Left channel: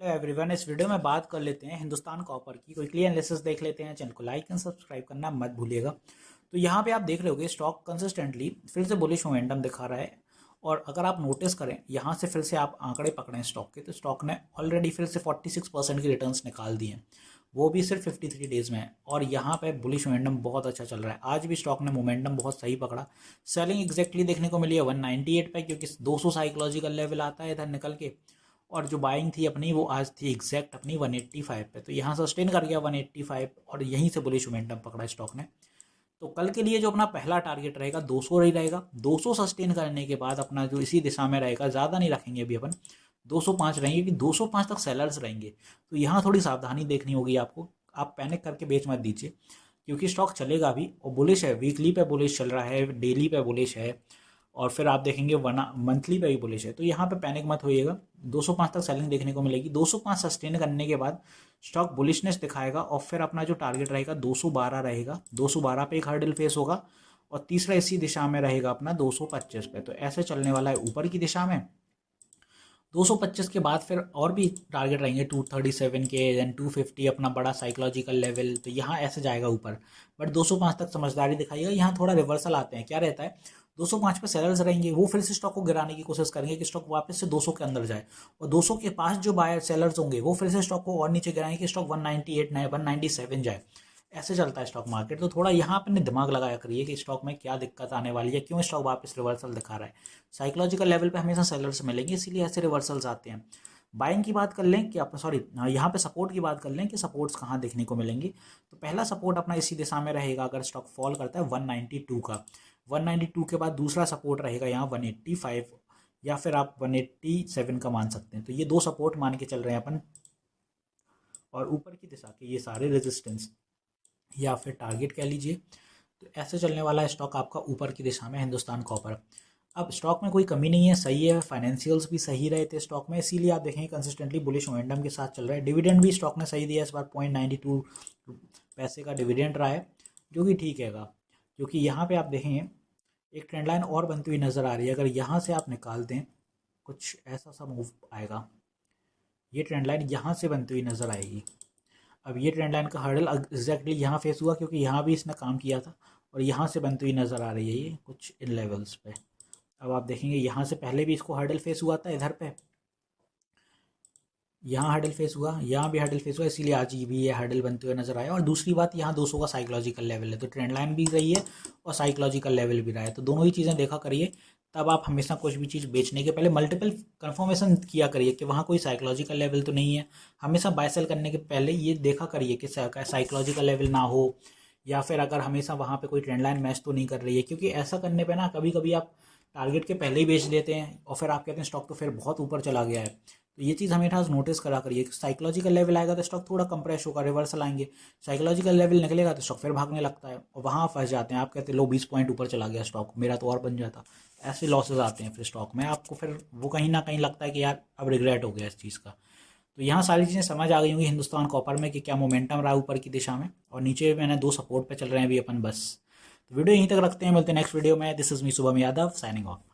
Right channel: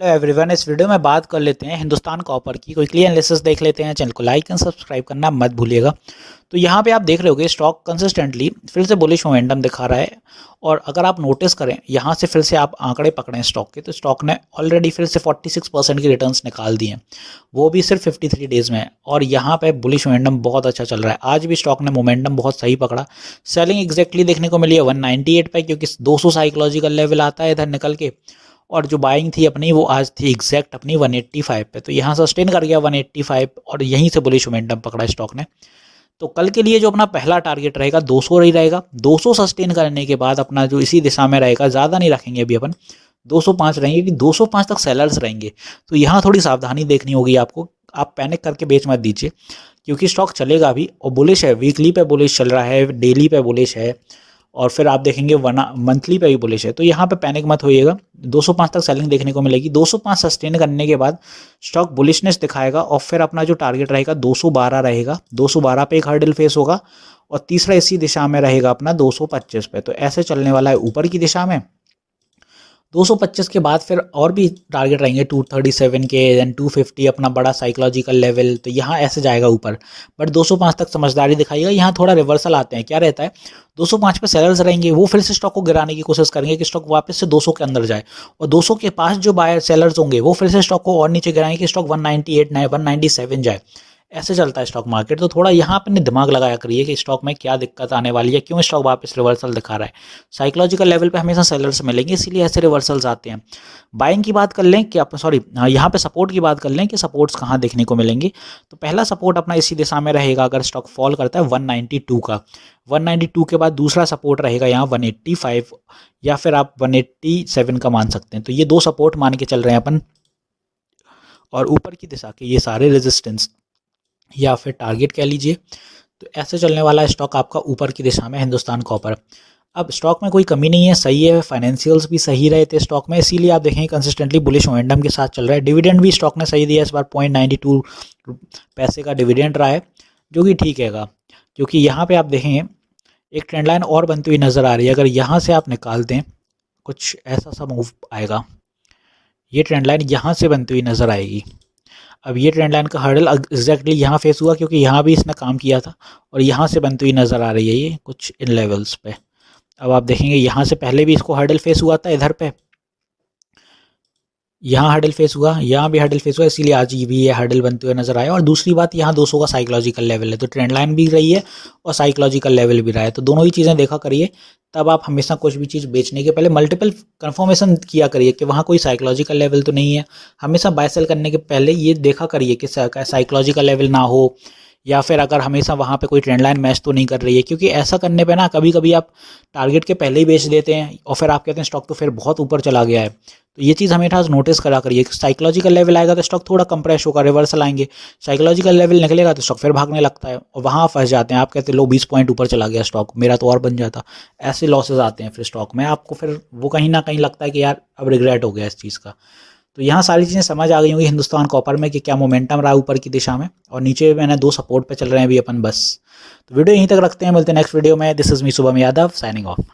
Hello everyone, इस video में बात कर लेते हैं हिंदुस्तान कॉपर की। क्विकली एनालिसिस देख लेते हैं। चैनल को लाइक एंड सब्सक्राइब करना मत भूलिएगा। तो यहाँ पे आप देख रहे होगे स्टॉक कंसिस्टेंटली फिर से बुलिश मोमेंटम दिखा रहा है। और अगर आप नोटिस करें यहाँ से फिर से आप आंकड़े पकड़ें स्टॉक के, तो स्टॉक ने ऑलरेडी फिर से 46% की रिटर्न्स निकाल दिए हैं, वो भी सिर्फ 53 डेज़ में है। और यहाँ पे बुलिश मोमेंटम बहुत अच्छा चल रहा है। आज भी स्टॉक ने मोमेंटम बहुत सही पकड़ा। सेलिंग एग्जैक्टली देखने को मिली है 198 पे, क्योंकि 200 साइकोलॉजिकल लेवल आता है इधर निकल के। और जो बाइंग थी अपनी वो आज थी एग्जैक्ट अपनी 185 पे, तो यहाँ सस्टेन कर गया 185 और यहीं से बुलिश मोमेंटम पकड़ा स्टॉक ने। तो कल के लिए जो अपना पहला टारगेट रहेगा 200 ही रहेगा। 200 सस्टेन करने के बाद अपना जो इसी दिशा में रहेगा, ज़्यादा नहीं रखेंगे अभी अपन, 205 रहेंगे, कि 205 तक सेलर्स रहेंगे। तो यहाँ थोड़ी सावधानी देखनी होगी आपको। आप पैनिक करके बेच मत दीजिए, क्योंकि स्टॉक चलेगा भी और बुलिश है। वीकली पे बुलिश चल रहा है, डेली पे बुलिश है, और फिर आप देखेंगे वन मंथली पे भी बुलिश है। तो यहाँ पे पैनिक मत होइएगा। 205 तक सेलिंग देखने को मिलेगी। 205 सस्टेन करने के बाद स्टॉक बुलिशनेस दिखाएगा और फिर अपना जो टारगेट रहेगा 212 रहेगा। 212 पे एक हर्डल फेस होगा और तीसरा इसी दिशा में रहेगा अपना 225 पे। तो ऐसे चलने वाला है ऊपर की दिशा में। 225 के बाद फिर और भी टारगेट रहेंगे 237 के, देन 250 अपना बड़ा साइकोलॉजिकल लेवल। तो यहाँ ऐसे जाएगा ऊपर, बट 205 तक समझदारी दिखाइएगा। यहाँ थोड़ा रिवर्सल आते हैं, क्या रहता है 205 पे सेलर्स रहेंगे, वो फिर से स्टॉक को गिराने की कोशिश करेंगे कि स्टॉक वापस से 200 के अंदर जाए। और 200 के पास जो बायर सेलर्स होंगे वो फिर से स्टॉक को और नीचे गिराएंगे कि स्टॉक 198 नए 197 जाए। ऐसे चलता है स्टॉक मार्केट। तो थोड़ा यहाँ अपने दिमाग लगाया करिए कि स्टॉक में क्या दिक्कत आने वाली है, क्यों स्टॉक वापस रिवर्सल दिखा रहा है। साइकोलॉजिकल लेवल पे हमेशा सेलर्स मिलेंगे, इसीलिए ऐसे रिवर्सल्स आते हैं। बाइंग की बात कर लें कि सॉरी, यहाँ पे सपोर्ट की बात कर लें कि सपोर्ट्स कहाँ देखने को मिलेंगे। तो पहला सपोर्ट अपना इसी दिशा में रहेगा अगर स्टॉक फॉल करता है 192 का। 192 के बाद दूसरा सपोर्ट रहेगा यहाँ 185, या फिर आप 187 का मान सकते हैं। तो ये दो सपोर्ट मान के चल रहे हैं अपन। और ऊपर की दिशा के ये सारे रेजिस्टेंस या फिर टारगेट कह लीजिए। तो ऐसे चलने वाला है स्टॉक आपका ऊपर की दिशा में हिंदुस्तान कॉपर। अब स्टॉक में कोई कमी नहीं है, सही है। फाइनेंशियल्स भी सही रहे थे स्टॉक में, इसीलिए आप देखेंगे कंसिस्टेंटली बुलिश मोमेंटम के साथ चल रहा है। डिविडेंड भी स्टॉक ने सही दिया इस बार, 0.92 पैसे का डिविडेंड रहा है, जो कि ठीक हैगा। क्योंकि यहाँ पे आप देखेंगे एक ट्रेंड लाइन और बनती हुई नज़र आ रही है। अगर यहाँ से आप निकाल दें, कुछ ऐसा सा मूव आएगा। ये ट्रेंड लाइन यहाँ से बनती हुई नज़र आएगी। अब ये ट्रेंड लाइन का हर्डल एग्जैक्टली यहाँ फेस हुआ, क्योंकि यहाँ भी इसने काम किया था और यहाँ से बनती हुई नज़र आ रही है ये कुछ इन लेवल्स पे। अब आप देखेंगे यहाँ से पहले भी इसको हर्डल फेस हुआ था इधर पे, यहाँ हर्डल फेस हुआ, यहाँ भी हर्डल फेस हुआ, इसीलिए आज भी ये हर्डल बनते हुए नजर आया। और दूसरी बात, यहाँ 200 का साइकोलॉजिकल लेवल है, तो ट्रेंड लाइन भी रही है और साइकोलॉजिकल लेवल भी रहा है। तो दोनों ही चीज़ें देखा करिए। तब आप हमेशा कुछ भी चीज़ बेचने के पहले मल्टीपल कंफर्मेशन किया करिए कि वहाँ कोई साइकोलॉजिकल लेवल तो नहीं है। हमेशा बाय सेल करने के पहले ये देखा करिए कि साइकोलॉजिकल लेवल ना हो, या फिर अगर हमेशा वहाँ पे कोई ट्रेंड लाइन मैच तो नहीं कर रही है। क्योंकि ऐसा करने पे ना कभी कभी आप टारगेट के पहले ही बेच देते हैं और फिर आप कहते हैं स्टॉक तो फिर बहुत ऊपर चला गया है। तो ये चीज़ हमेशा नोटिस करा करिए। साइकोलॉजिकल लेवल आएगा तो स्टॉक थोड़ा कंप्रेस होगा, रिवर्सल आएंगे। साइकोलॉजिकल लेवल निकलेगा तो स्टॉक फिर भागने लगता है और वहाँ फंस जाते हैं। आप कहते हैं लो 20 पॉइंट ऊपर चला गया स्टॉक, मेरा तो और बन जाता। ऐसे लॉसेज आते हैं फिर स्टॉक में, आपको फिर वो कहीं ना कहीं लगता है कि यार अब रिग्रेट हो गया इस चीज़ का। तो यहाँ सारी चीज़ें समझ आ गई होंगी हिंदुस्तान कॉपर में कि क्या मोमेंटम रहा ऊपर की दिशा में, और नीचे मैंने दो सपोर्ट पे चल रहे हैं अभी अपन बस। तो वीडियो यहीं तक रखते हैं, मिलते हैं नेक्स्ट वीडियो में। This is me Shubham Yadav, signing off.